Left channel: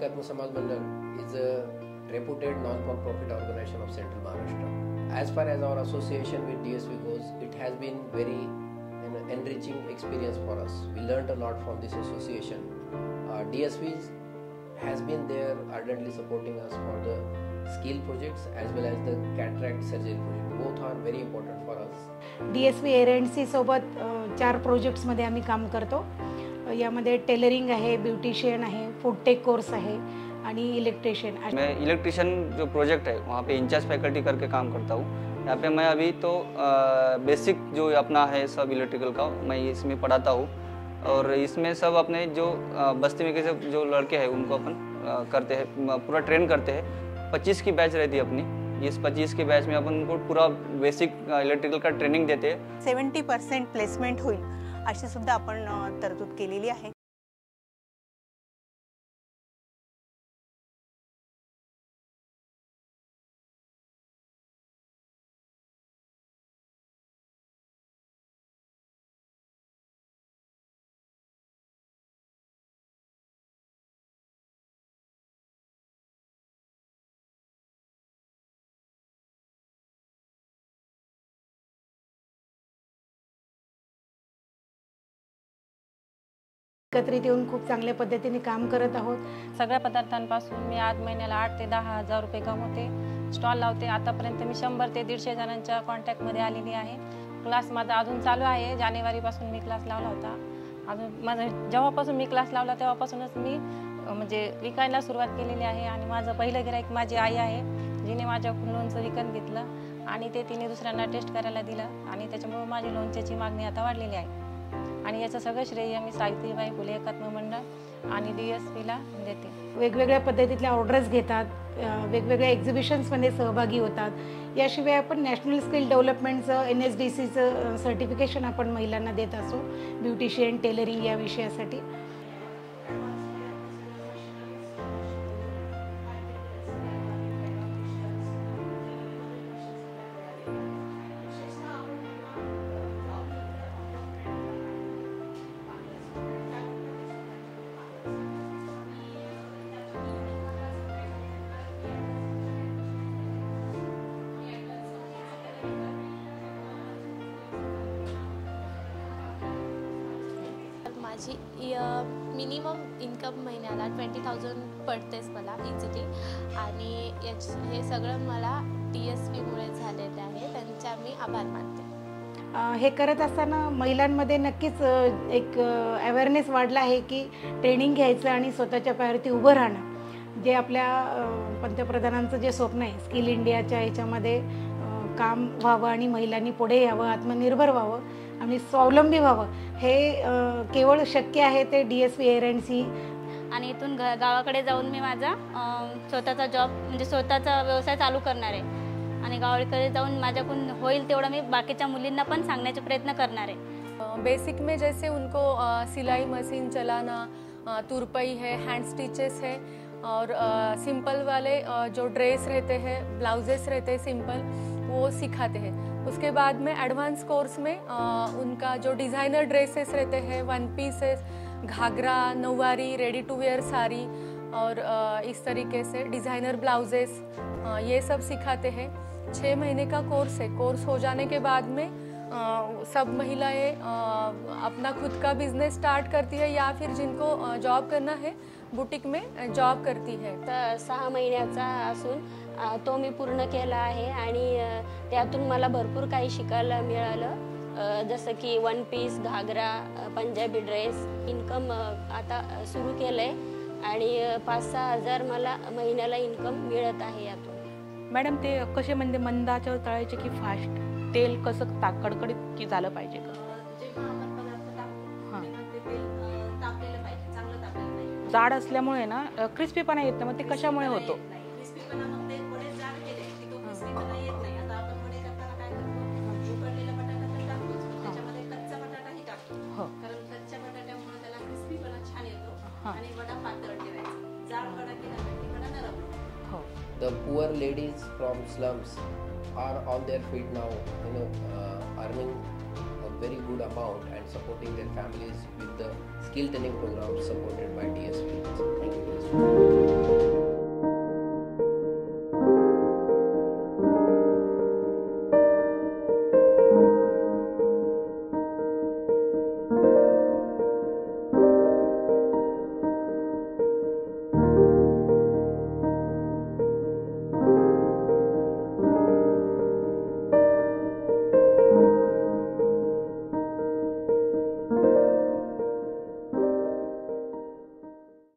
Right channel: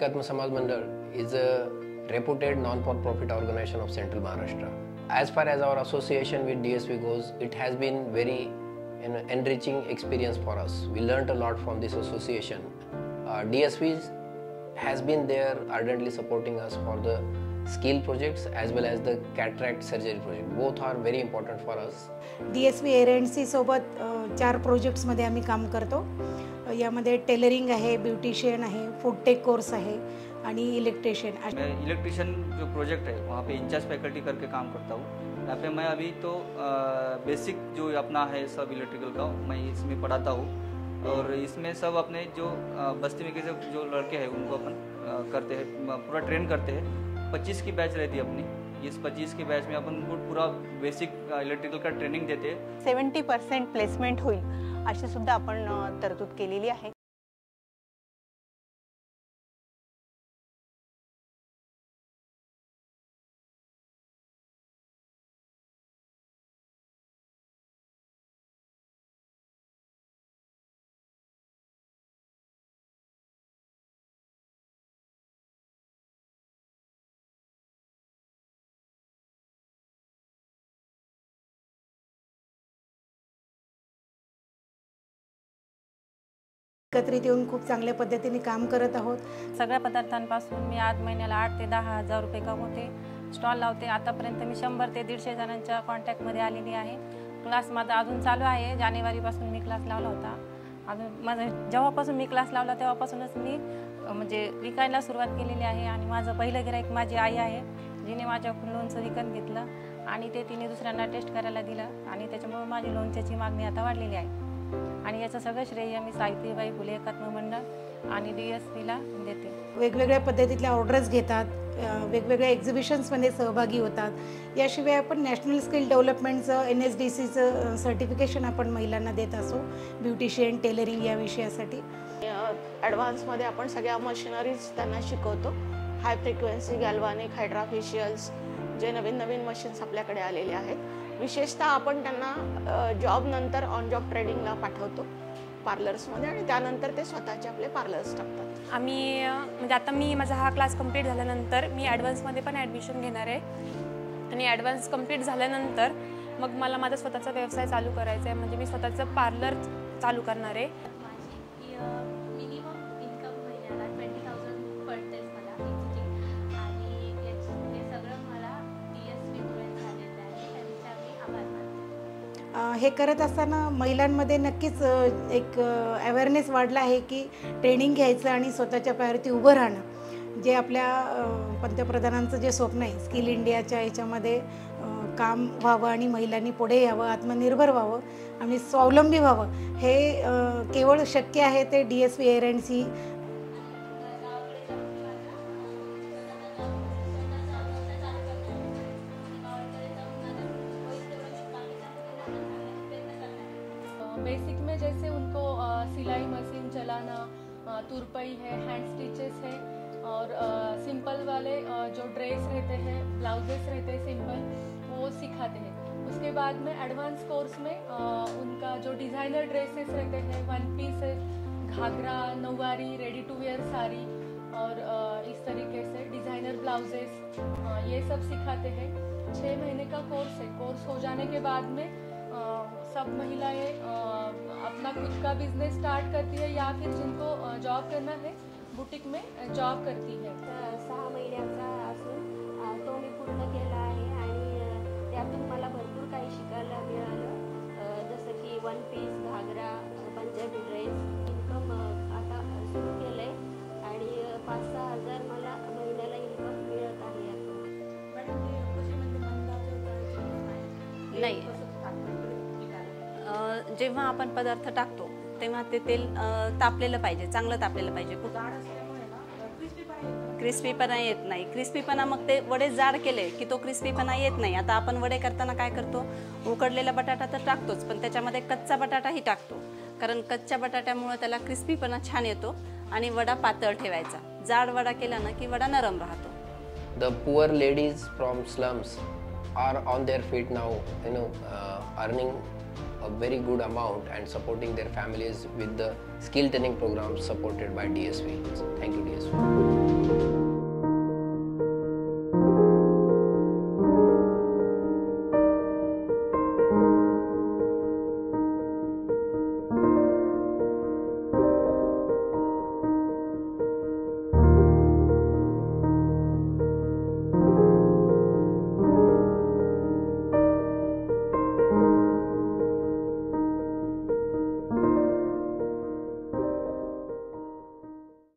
Ekatma Samaj Mandal is a reputed non-profit organization of Central Maharashtra. As far as our association with DSV goes, it has been very enriching experience for us. We learned a lot from this association. DSV has been there ardently supporting us for the skill projects as well as the cataract surgery project. Both are very important for us. DSV एअर&सी सोबत 4 प्रोजेक्ट्समध्ये आम्ही काम करतो. यामध्ये tailoring आहे, beautician आहे, food take course आहे आणि electrician. मैं इलेक्ट्रिशियन जो प्रोजेक्ट है वहाँ पे इंचार्ज फैकल्टी करके काम करता हूँ. यहाँ पे मैं अभी तो बेसिक जो अपना है सब इलेक्ट्रिकल का मैं इसमें पढ़ाता हूँ और इसमें सब अपने जो बस्ती में के जो लड़के हैं उनको अपन करते हैं, पूरा ट्रेन करते हैं. 25 की बैच रहती है अपनी. इस 25 के बैच में अपन उनको पूरा बेसिक इलेक्ट्रिकल का ट्रेनिंग देते हैं. 70% प्लेसमेंट होईल अशी सुद्धा आपण तरतूद केलेली आहे. एकत्रित येऊन खूप चांगल्या पद्धतीने काम करत आहोत. सगळ्या पदार्थांपासून मी आज महिन्याला 8 ते 10 हजार रुपये कमवते. स्टॉल लावते. आतापर्यंत मी 100 ते 150 जणांच्या कॉन्टॅक्टमध्ये आलेली आहे. क्लास माझा अजून चालू आहे. जानेवारीपासून मी क्लास लावला होता. अजून माझं जेव्हापासून मी क्लास लावला तेव्हापासूनच मी म्हणजे विकायला सुरुवात केलेली आहे. आणि माझं पहिलं गिराईक माझी आई आहे, जिने माझ्याकडून लोणचं विकत घेतलं आणि ते तिने दुसऱ्यांना टेस्ट करायला दिलं आणि त्याच्यामुळे माझी लोणच्याची मागणी आता वाढलेली आहे. आणि याचं सगळं श्रेय मी सावित्रीबाई फुले एकात्म मंडळ आणि DSVला देते. वेगवेगळ्या पद्धतीतल्या ऑर्डर्स घेतात, वेगवेगळ्या एक्झिबिशन्समध्ये सहभागी होतात. याशिवाय आपण नॅशनल स्किल डेव्हलपमेंटचं NSDCचं सर्टिफिकेशन आपण महिलांना देत असो ब्युटिशियन टेलरिंग या विषयासाठी. ॲडव्हान्समध्ये आपण सगळ्या मशिनरीज त्यांना शिकवतो. हाय फ्रिक्वेन्सी गॅल्व्हॅनिक हायड्राफेशियल्स जे नवीन नवीन मशीन्स आपल्याकडे आलेले आहेत. विशेषतः आपण त्यांना जॉब नंतर ऑन जॉब ट्रेनिंगला पाठवतो पार्लर्समध्ये आणि त्यानंतर ते स्वतःचे आपले पार्लर्स टाकतात. आम्ही म्हणजे आता मी माझा हा क्लास कंप्लीट झाल्यानंतर मी ॲडव्हान्समध्ये पण ॲडमिशन घेणार आहे आणि ॲडव्हान्स कंप्लीट झाल्यानंतर मग मला माझा स्वतःचा व्यवसाय चालू करायचा आहे. म्हणजे मी स्वतःचं पार्लर चालू करणार आहे. माझी मिनिमम इन्कम महिन्याला 20,000 पडतेच मला इझिली आणि हे सगळं मला DSVमुळे झालेलं आहे. त्यांच्या मी आभार मानते. हे करत असताना महिलांमध्ये नक्कीच एक अवेअरनेस वाढला आहे की ट्रेनिंग घ्यायचं आणि स्वतःच्या पायावरती उभं राहणं. जे आपल्या पंतप्रधानांचं जे स्वप्न आहे स्किल इंडियाच्या याच्यामध्ये काम व्हावं आणि महिलांनी पुढे यावं, आत्मनिर्भर व्हावं आणि स्वावलंबी व्हावं, हे केवळ शक्य आहे ते DSV एअर&सी. आणि इथून गावाकडे जाऊन मी माझा स्वतःचा जॉब म्हणजे स्वतःचा व्यवसाय चालू करणार आहे आणि गावाकडे जाऊन माझ्याकडून होईल तेवढं मी बाकीच्या मुलींना पण सांगण्याचा प्रयत्न करणार आहे. बेसिक में जैसे उनको सिलाई मशीन चलाना, तुरपाई है, हैंड स्टिचेस है और सिंपल वाले जो ड्रेस रहते हैं, ब्लाउजेस रहते हैं सिंपल, वो सिखाते हैं. उसके बाद में एडवांस कोर्स में उनका जो डिज़ाइनर ड्रेसेस रहते हैं, one pieces, ghagra, nauvari, ready to wear sari और इस तरीके से डिज़ाइनर ब्लाउजेस ये सब सिखाते हैं. 6 महीने का कोर्स है. कोर्स हो जाने के बाद में सब महिलाएं अपना खुद का बिजनेस स्टार्ट करती है या फिर जिनको जॉब करना है बुटीक में जॉब करती है. तर 6 महिन्याचा असून तो मी पूर्ण केला आहे आणि त्यातून मला भरपूर काही शिकायला मिळालं. जसं की वन पीस, घागरा, पंजाबी ड्रेस. इन्कम आता सुरू केलं आहे आणि 5-6 हजार मला महिन्याला इन्कम मिळत आहे यातून. मॅडम ते कसे म्हणजे मंदाच्या तळायचे की फास्ट तेल कसं कडकडीत की झालं पाहिजे? जेव्हा आपण पदार्थ टाकतो तेव्हा ते तेल तापलेलं पाहिजे, चांगलं तापलेलं पाहिजे. जाड असल्यामुळे ना क्रिस्पीपणा येत नाही. मग क्रिस्पीपणा येत नाही. क्रिस्पीपणा मग ते वडे जाड केले की तो क्रिस्पीपणा येत नाही. आता आपण वडे करताना काय करतो, उकडलेला बटाटा तर टाकतोच पण त्याच्यामध्ये कच्चा बटाटाही टाकतो. कारण कच्च्या बटाट्यामुळे त्याला क्रिस्पीपणा छान येतो आणि वडा पातळ ठेवायचा. जाड वडा केला ना की वडा नरम राहतो. The poor ladies from slums are on their feet now, earning a very good amount and supporting their families with the skill training programs supported by DSV. Thank you, DSV.